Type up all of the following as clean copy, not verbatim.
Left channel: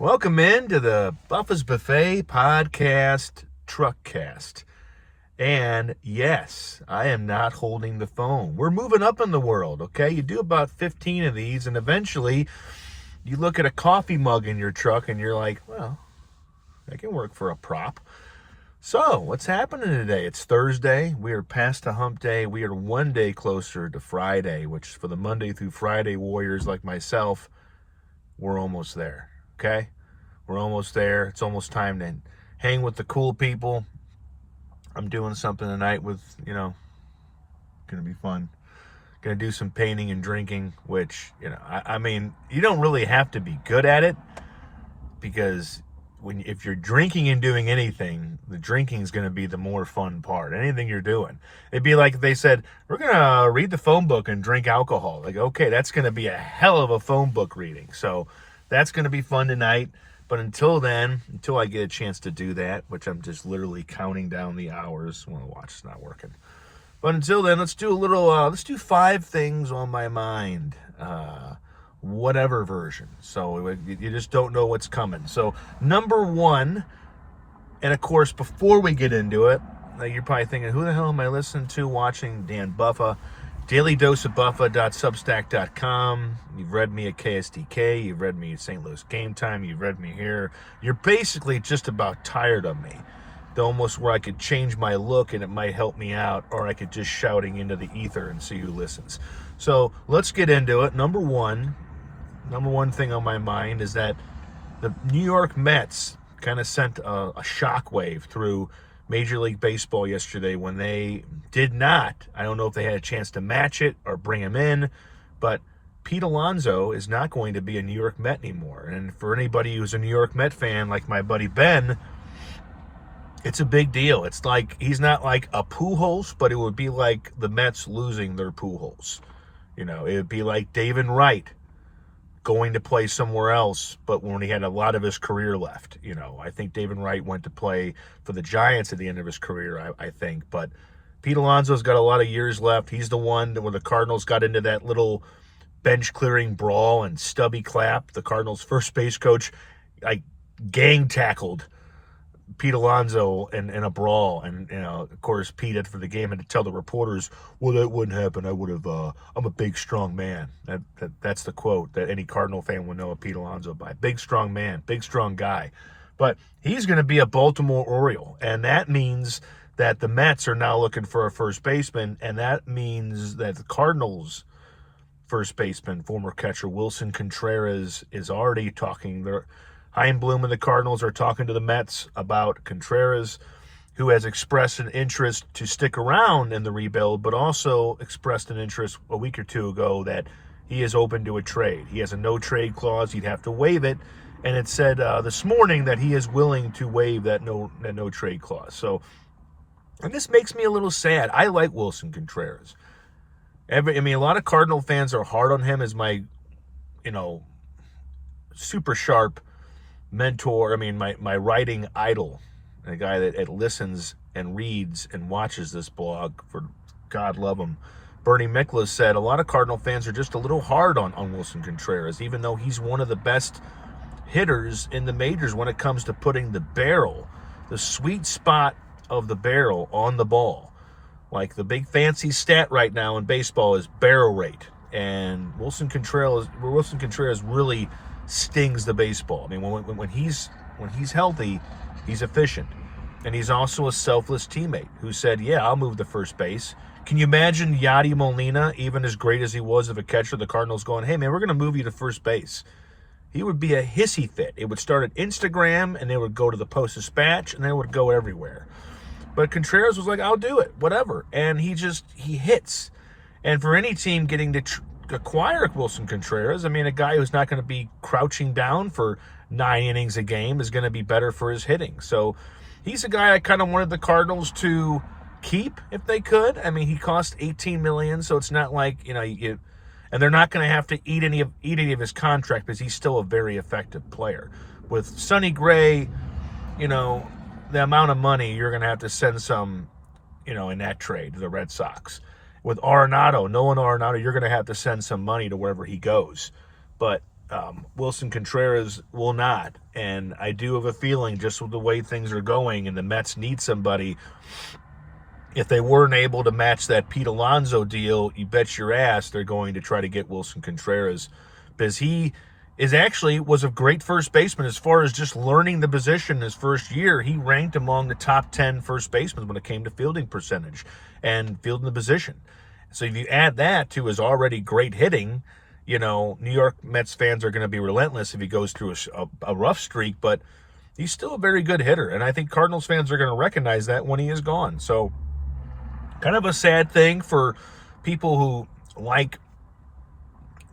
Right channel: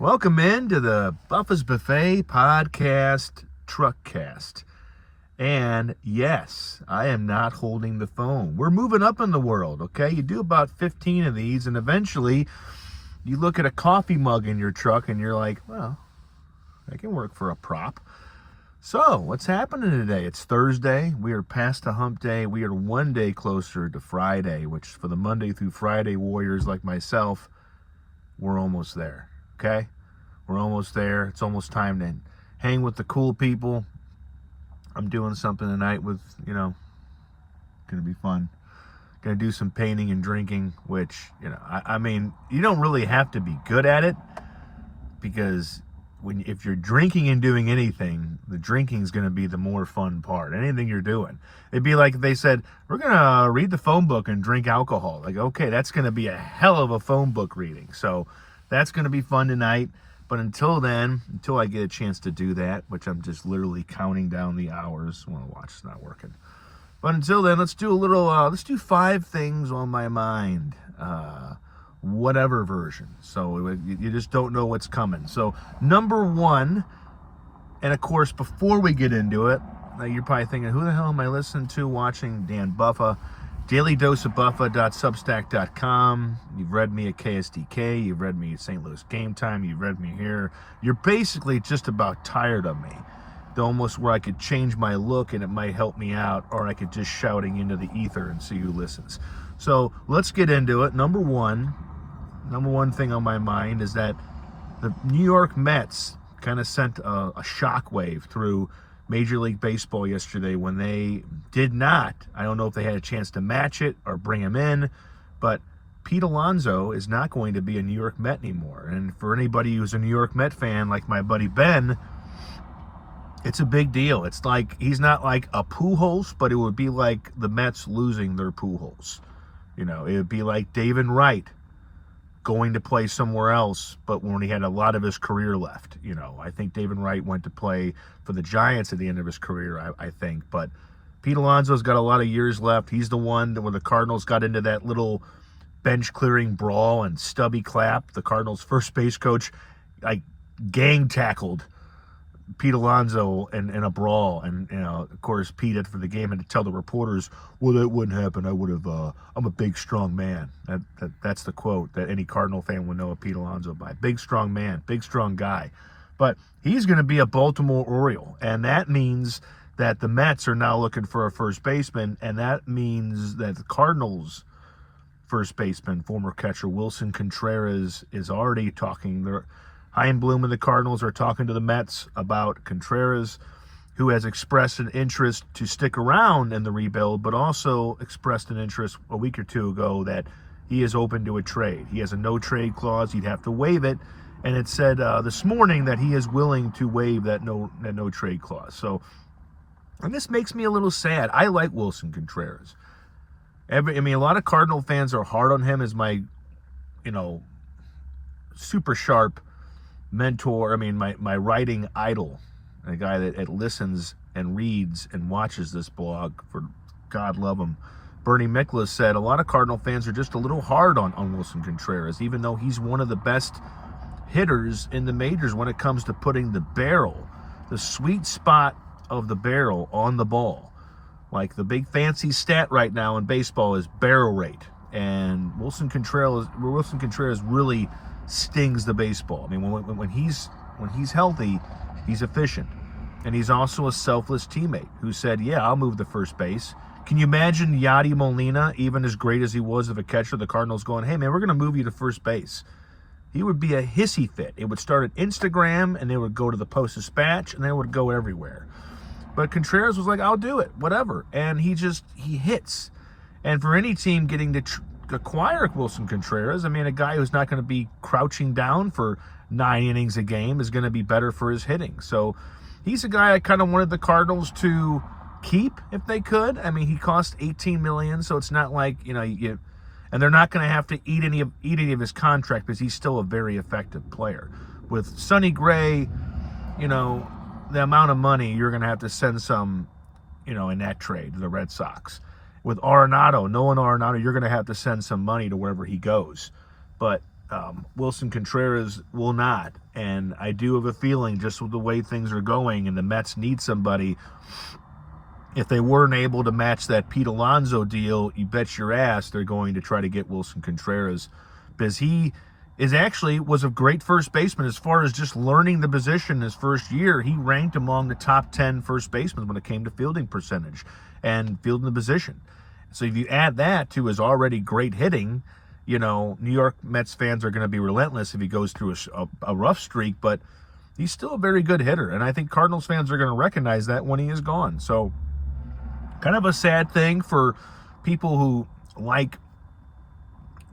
Welcome in to the Buffa's Buffet Podcast Truckcast. And yes, I am not holding the phone. We're moving up in the world, okay? You do about 15 of these, and eventually you look at a coffee mug in your truck and you're like, well, that can work for a prop. So, what's happening today? It's Thursday. We are past the hump day. We are one day closer to Friday, which for the Monday through Friday warriors like myself, we're almost there. Okay? We're almost there. It's almost time to hang with the cool people. I'm doing something tonight with, going to be fun. Going to do some painting and drinking, which, I mean, you don't really have to be good at it because if you're drinking and doing anything, the drinking is going to be the more fun part. Anything you're doing. It'd be like if they said, we're going to read the phone book and drink alcohol. Like, okay, that's going to be a hell of a phone book reading. So that's going to be fun tonight. But until then, until I get a chance to do that, which I'm just literally counting down the hours. Well, the watch is not working. But until then, let's do 5 things on my mind. Whatever version. So you just don't know what's coming. So number 1, and of course, before we get into it, you're probably thinking, who the hell am I listening to, watching? Dan Buffa. DailyDoseOfBuffa.substack.com. You've read me at KSDK. You've read me at St. Louis Game Time. You've read me here. You're basically just about tired of me. Almost where I could change my look and it might help me out, or I could just shouting into the ether and see who listens. So let's get into it. Number one thing on my mind is that the New York Mets kind of sent a shockwave through Major League Baseball yesterday when they did not, I don't know if they had a chance to match it or bring him in, but Pete Alonso is not going to be a New York Met anymore. And for anybody who's a New York Met fan, like my buddy Ben, it's a big deal. It's like, he's not like a Pujols, but it would be like the Mets losing their Pujols. It would be like David Wright going to play somewhere else, but when he had a lot of his career left. I think David Wright went to play for the Giants at the end of his career, I think. But Pete Alonso's got a lot of years left. He's the one that when the Cardinals got into that little bench-clearing brawl and Stubby Clapp, the Cardinals' first base coach, like gang tackled Pete Alonso in a brawl, and of course Pete after the game had to tell the reporters, well, that wouldn't happen. I would have I'm a big strong man. That's the quote that any Cardinal fan would know of Pete Alonso by. Big strong man, big strong guy. But he's going to be a Baltimore Oriole, and that means that the Mets are now looking for a first baseman, and that means that the Cardinals first baseman, former catcher Willson Contreras, is already talking there. Bloom and the Cardinals are talking to the Mets about Contreras, who has expressed an interest to stick around in the rebuild, but also expressed an interest a week or two ago that he is open to a trade. He has a no-trade clause. He'd have to waive it, and it said this morning that he is willing to waive that no-trade clause. So, and this makes me a little sad. I like Willson Contreras. A lot of Cardinal fans are hard on him as my, super sharp mentor, my writing idol, and a guy that listens and reads and watches this blog, for God love him. Bernie Miklasz said a lot of Cardinal fans are just a little hard on Willson Contreras, even though he's one of the best hitters in the majors when it comes to putting the sweet spot of the barrel on the ball. Like the big fancy stat right now in baseball is barrel rate, and Willson Contreras really stings the baseball. When he's healthy, he's efficient, and he's also a selfless teammate who said, "Yeah, I'll move to first base." Can you imagine Yadi Molina, even as great as he was of a catcher, the Cardinals going, "Hey man, we're going to move you to first base"? He would be a hissy fit. It would start at Instagram, and they would go to the Post-Dispatch, and they would go everywhere. But Contreras was like, "I'll do it, whatever," and he hits. And for any team getting to acquire Willson Contreras, a guy who's not going to be crouching down for 9 innings a game is going to be better for his hitting. So he's a guy I kind of wanted the Cardinals to keep if they could. He cost $18 million, so it's not like and they're not going to have to eat any of his contract because he's still a very effective player. With Sonny Gray, the amount of money you're going to have to send some, in that trade to the Red Sox. With Nolan Arenado, you're going to have to send some money to wherever he goes. But Willson Contreras will not. And I do have a feeling, just with the way things are going and the Mets need somebody, if they weren't able to match that Pete Alonso deal, you bet your ass they're going to try to get Willson Contreras, because he was a great first baseman as far as just learning the position his first year. He ranked among the top 10 first basemen when it came to fielding percentage and fielding the position. So if you add that to his already great hitting, New York Mets fans are going to be relentless if he goes through a rough streak, but he's still a very good hitter. And I think Cardinals fans are going to recognize that when he is gone. So kind of a sad thing for people who like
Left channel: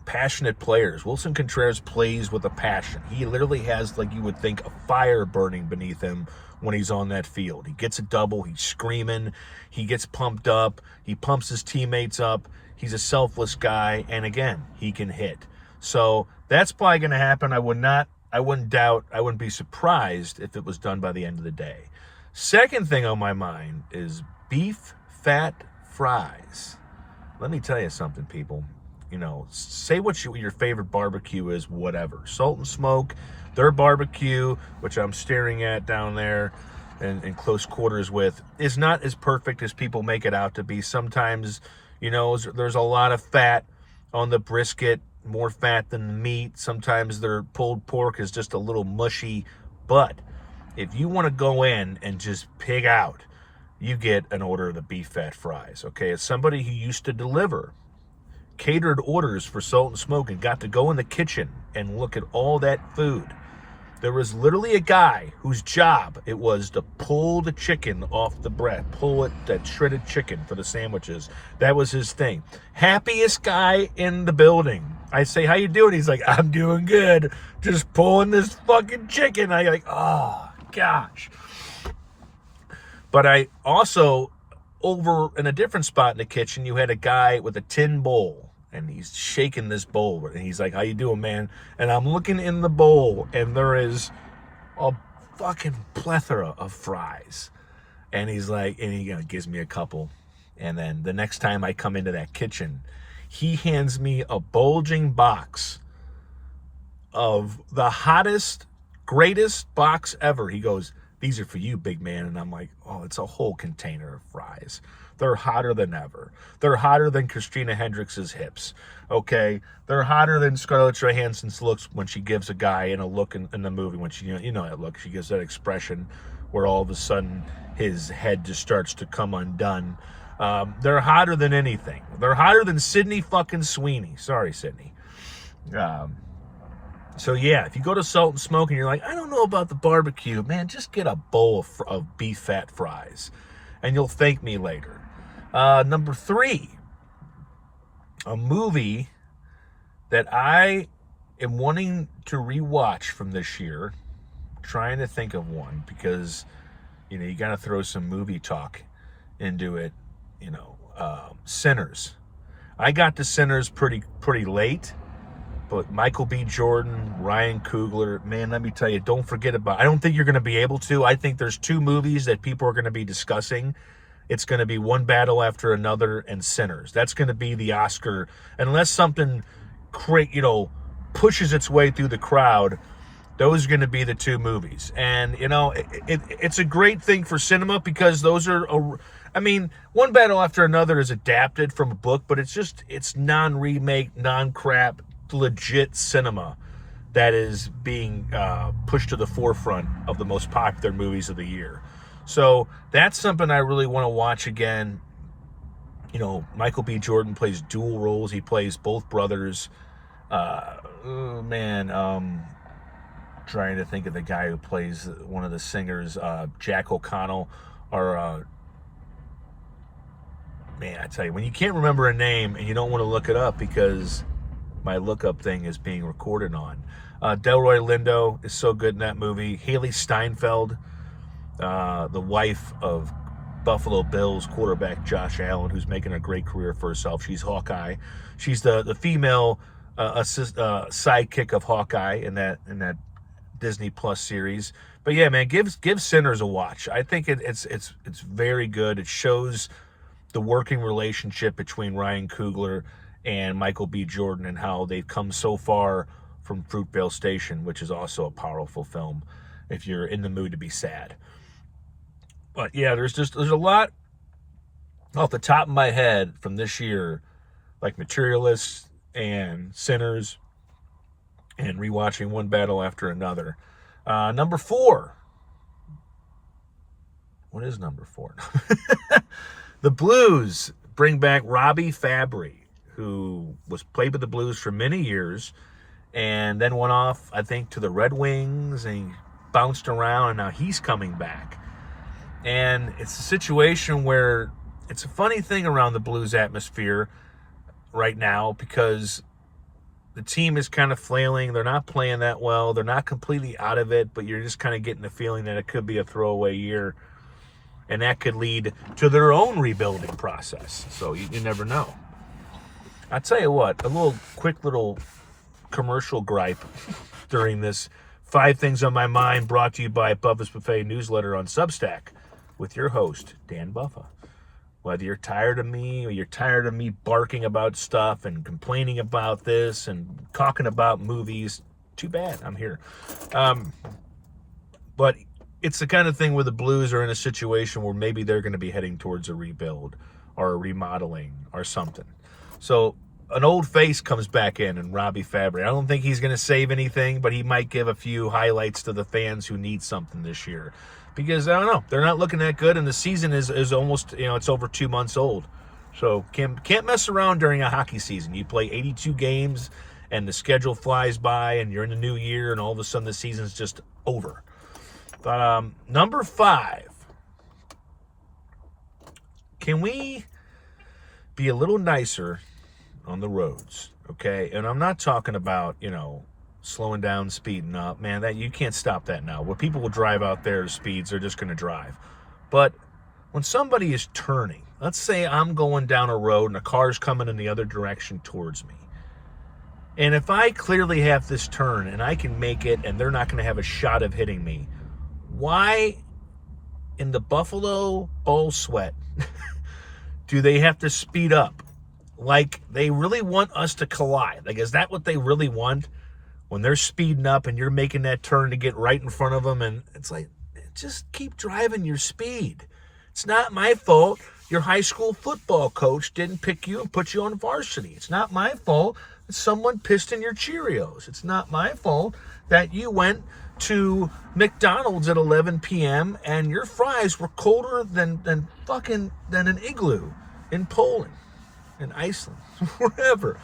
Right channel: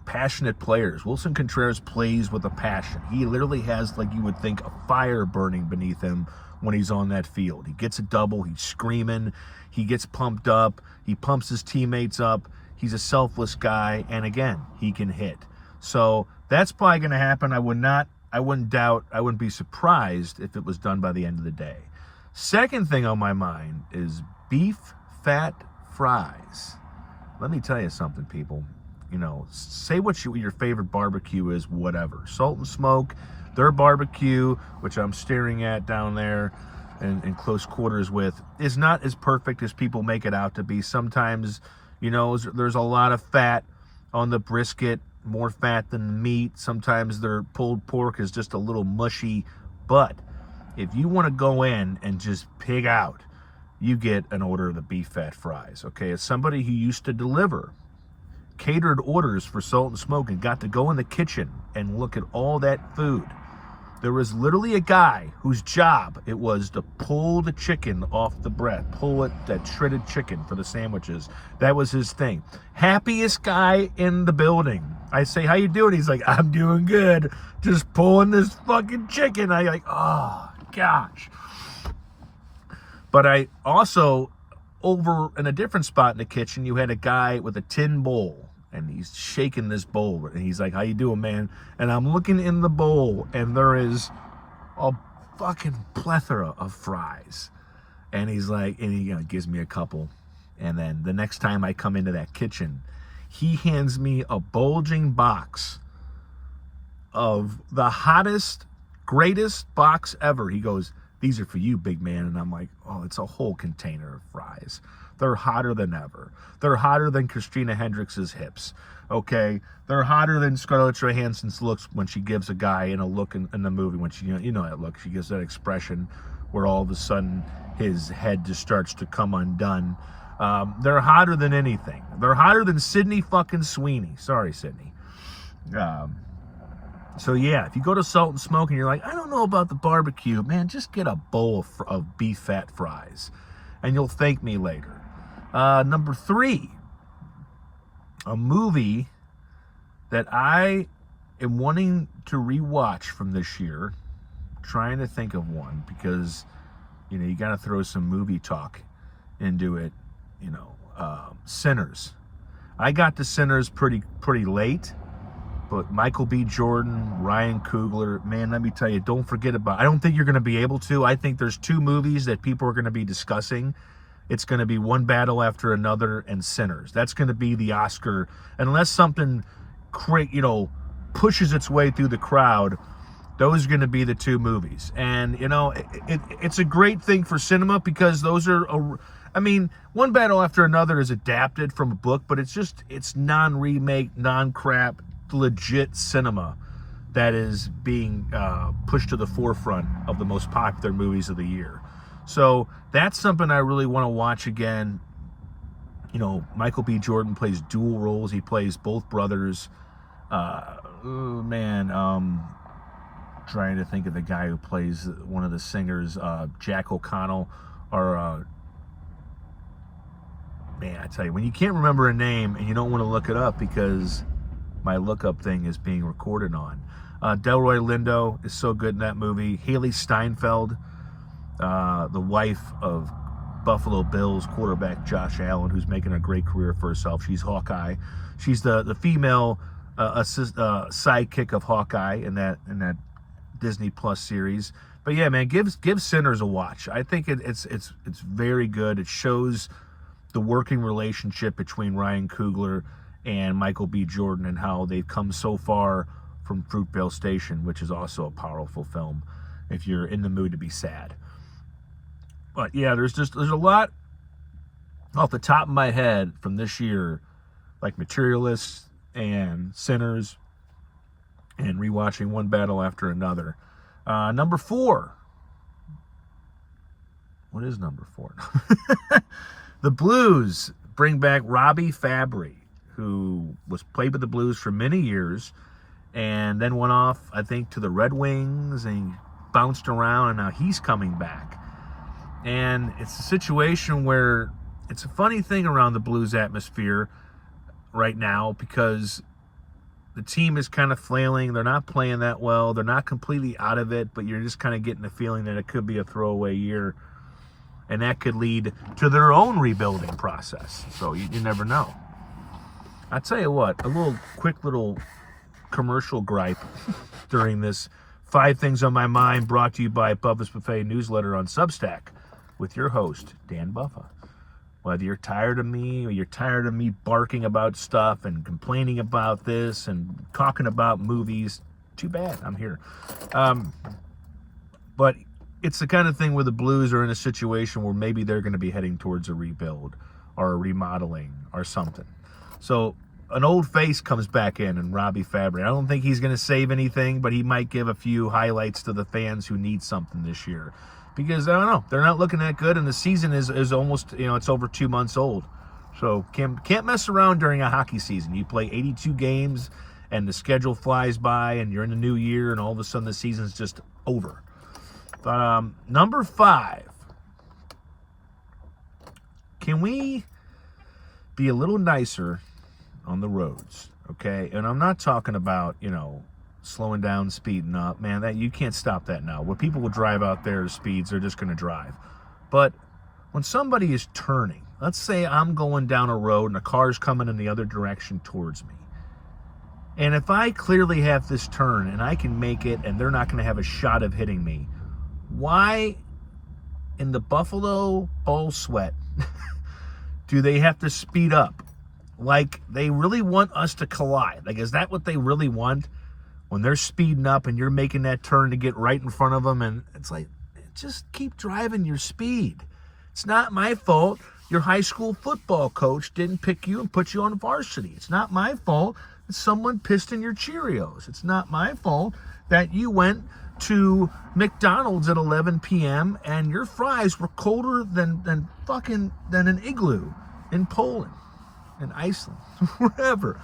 passionate players. Willson Contreras plays with a passion. He literally has, like you would think, a fire burning beneath him when he's on that field. He gets a double, he's screaming, he gets pumped up, he pumps his teammates up. He's a selfless guy, and again, he can hit. So that's probably going to happen. I wouldn't be surprised if it was done by the end of the day. Second thing on my mind is beef fat fries. Let me tell you something, people. Say what your favorite barbecue is, whatever. Salt and Smoke, their barbecue, which I'm staring at down there and in close quarters with, is not as perfect as people make it out to be. Sometimes, there's a lot of fat on the brisket, more fat than the meat. Sometimes their pulled pork is just a little mushy. But if you want to go in and just pig out, you get an order of the beef fat fries, okay? As somebody who used to deliver catered orders for Salt and Smoke and got to go in the kitchen and look at all that food, there was literally a guy whose job it was to pull the chicken off the bread, that shredded chicken for the sandwiches. That was his thing. Happiest guy in the building. I say, how you doing? He's like, I'm doing good. Just pulling this fucking chicken. I like, oh, gosh. But I also, over in a different spot in the kitchen, you had a guy with a tin bowl, and he's shaking this bowl, and he's like, how you doing, man? And I'm looking in the bowl, and there is a fucking plethora of fries. And he's like, and he gives me a couple. And then the next time I come into that kitchen, he hands me a bulging box of the hottest, greatest box ever. He goes, these are for you, big man. And I'm like, oh, it's a whole container of fries. They're hotter than ever. They're hotter than Christina Hendricks's hips, okay? They're hotter than Scarlett Johansson's looks when she gives a guy in a look in the movie, when she, that look, she gives that expression where all of a sudden his head just starts to come undone. They're hotter than anything. They're hotter than Sydney fucking Sweeney. Sorry, Sydney. So yeah, if you go to Salt and Smoke and you're like, I don't know about the barbecue, man, just get a bowl of beef fat fries, and you'll thank me later. Number 3, a movie that I am wanting to rewatch from this year. Trying to think of one, because you got to throw some movie talk into it. Sinners. I got to Sinners pretty late. But Michael B. Jordan, Ryan Coogler, man, let me tell you, don't forget about. I don't think you're going to be able to. I think there's 2 movies that people are going to be discussing. It's going to be One Battle After Another and Sinners. That's going to be the Oscar, unless something pushes its way through the crowd. Those are going to be the 2 movies. And, it's a great thing for cinema, because those are, One Battle After Another is adapted from a book, but it's non-remake, non-crap, legit cinema that is being pushed to the forefront of the most popular movies of the year. So that's something I really want to watch again. Michael B. Jordan plays dual roles. He plays both brothers. Trying to think of the guy who plays one of the singers, Jack O'Connell, or man, I tell you, when you can't remember a name and you don't want to look it up because my lookup thing is being recorded on. Delroy Lindo is so good in that movie. Haley Steinfeld, the wife of Buffalo Bills quarterback Josh Allen, who's making a great career for herself. She's Hawkeye. She's the female sidekick of Hawkeye in that Disney Plus series. But yeah, man, give Sinners a watch. I think it's very good. It shows the working relationship between Ryan Coogler and Michael B. Jordan, and how they've come so far from Fruitvale Station, which is also a powerful film if you're in the mood to be sad. But yeah, there's a lot off the top of my head from this year, like Materialists and Sinners, and rewatching one battle after another. Number 4. What is number 4? The Blues bring back Robbie Fabry, who played with the Blues for many years, and then went off, I think, to the Red Wings, and bounced around, and now he's coming back. And it's a situation where it's a funny thing around the Blues atmosphere right now, because the team is kind of flailing. They're not playing that well. They're not completely out of it, but you're just kind of getting the feeling that it could be a throwaway year, and that could lead to their own rebuilding process. So you never know. I tell you what, a quick little commercial gripe during this 5 Things on My Mind, brought to you by Bubba's Buffet newsletter on Substack with your host, Dan Buffa. Whether you're tired of me, or you're tired of me barking about stuff and complaining about this and talking about movies, too bad, I'm here. But it's the kind of thing where the Blues are in a situation where maybe they're going to be heading towards a rebuild or a remodeling or something. So an old face comes back in Robbie Fabry. I don't think he's going to save anything, but he might give a few highlights to the fans who need something this year. Because, I don't know, they're not looking that good, and the season is almost, it's over 2 months old. So can't mess around during a hockey season. You play 82 games, and the schedule flies by, and you're in the new year, and all of a sudden the season's just over. Number 5. Can we be a little nicer on the roads, okay? And I'm not talking about, slowing down, speeding up. Man, that you can't stop that now. Where people will drive out there speeds, they're just going to drive. But when somebody is turning, let's say I'm going down a road and a car's coming in the other direction towards me. And if I clearly have this turn and I can make it and they're not going to have a shot of hitting me, why in the Buffalo Bull Sweat do they have to speed up? Like, they really want us to collide. Like, is that what they really want? When they're speeding up and you're making that turn to get right in front of them, and it's like, just keep driving your speed. It's not my fault your high school football coach didn't pick you and put you on varsity. It's not my fault that someone pissed in your Cheerios. It's not my fault that you went to McDonald's at 11 p.m. and your fries were colder than an igloo in Poland, in Iceland, wherever.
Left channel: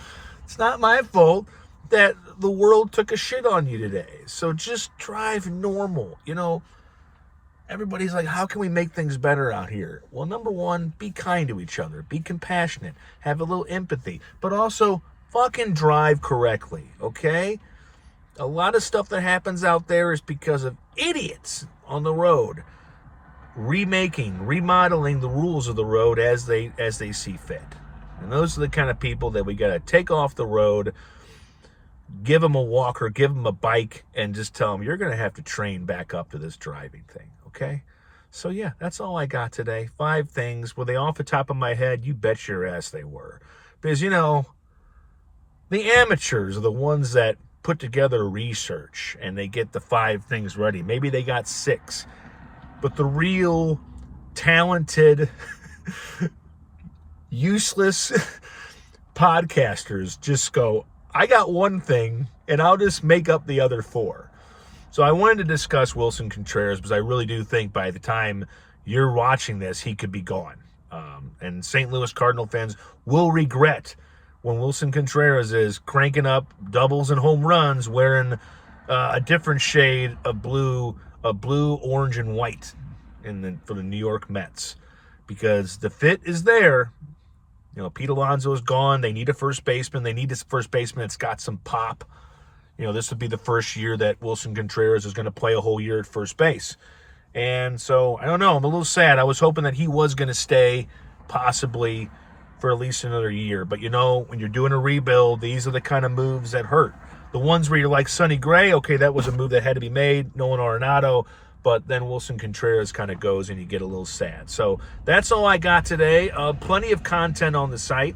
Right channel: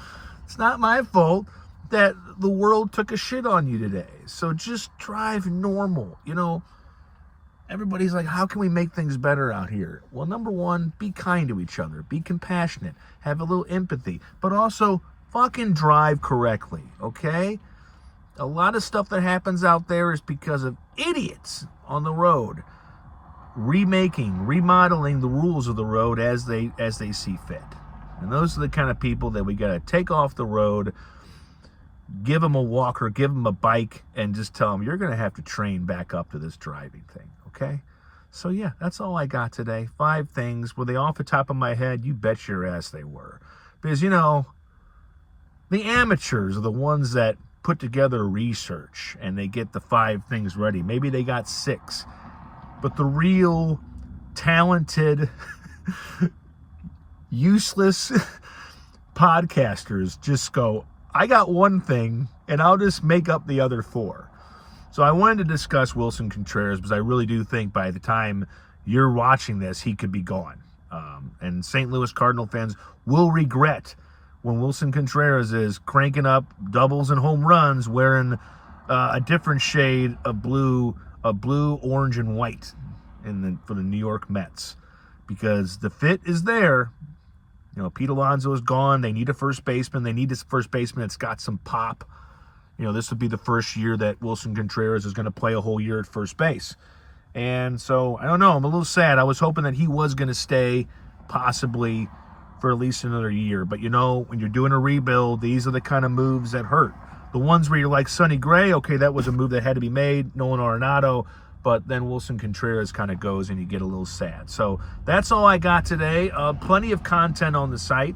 It's not my fault that the world took a shit on you today. So just drive normal. Everybody's like, how can we make things better out here? Well, number 1, be kind to each other. Be compassionate. Have a little empathy. But also, fucking drive correctly, okay? A lot of stuff that happens out there is because of idiots on the road remodeling the rules of the road as they see fit. And those are the kind of people that we got to take off the road, give them a walker, give them a bike, and just tell them, you're going to have to train back up to this driving thing, okay? So, yeah, that's all I got today. 5 things. Were they off the top of my head? You bet your ass they were. Because, the amateurs are the ones that put together research, and they get the 5 things ready. Maybe they got 6. But the real talented, useless podcasters just go, I got 1 thing, and I'll just make up the other 4. So I wanted to discuss Willson Contreras, because I really do think by the time you're watching this, he could be gone. And St. Louis Cardinal fans will regret when Willson Contreras is cranking up doubles and home runs wearing a different shade of blue, orange, and white for the New York Mets. Because the fit is there. Pete Alonso is gone. They need a first baseman. They need this first baseman that's got some pop. This would be the first year that Willson Contreras is going to play a whole year at first base. And so, I don't know. I'm a little sad. I was hoping that he was going to stay possibly for at least another year. But, when you're doing a rebuild, these are the kind of moves that hurt. The ones where you're like Sonny Gray, okay, that was a move that had to be made. Nolan Arenado. But then Willson Contreras kind of goes and you get a little sad. So that's all I got today. Plenty of content on the site.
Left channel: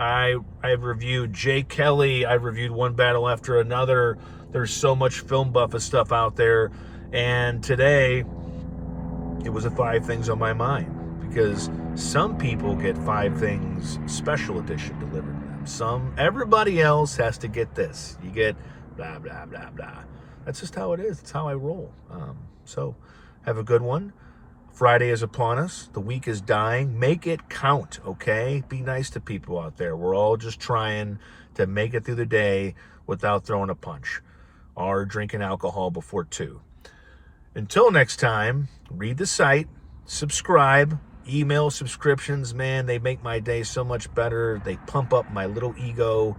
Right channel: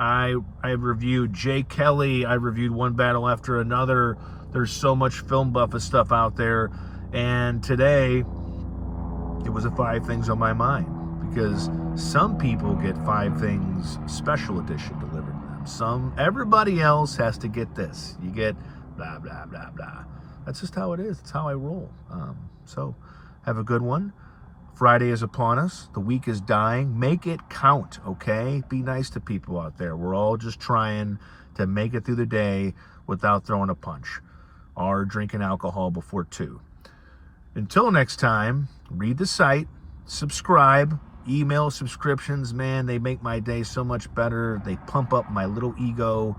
I've reviewed Jay Kelly. I've reviewed one battle after another. There's so much film buff of stuff out there. And today, it was a 5 things on my mind, because some people get 5 things special edition delivered to them. Everybody else has to get this. You get blah, blah, blah, blah. That's just how it is. It's how I roll. So have a good one. Friday is upon us. The week is dying. Make it count, okay? Be nice to people out there. We're all just trying to make it through the day without throwing a punch or drinking alcohol before 2. Until next time, read the site, subscribe, email subscriptions. Man, they make my day so much better. They pump up my little ego.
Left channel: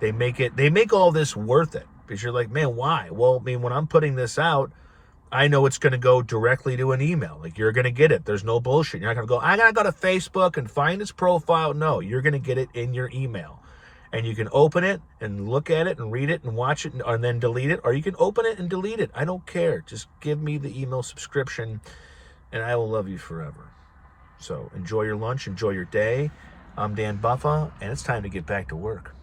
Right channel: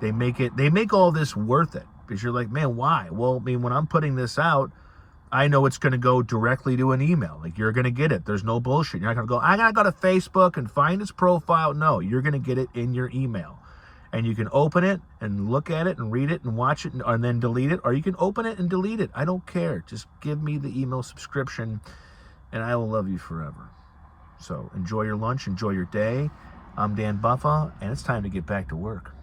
They make all this worth it, because you're like, man, why? Well, I mean, when I'm putting this out, I know it's going to go directly to an email. Like, you're going to get it. There's no bullshit. You're not going to go, I got to go to Facebook and find his profile. No, you're going to get it in your email. And you can open it and look at it and read it and watch it and then delete it. Or you can open it and delete it. I don't care. Just give me the email subscription and I will love you forever. So enjoy your lunch. Enjoy your day. I'm Dan Buffa, and it's time to get back to work.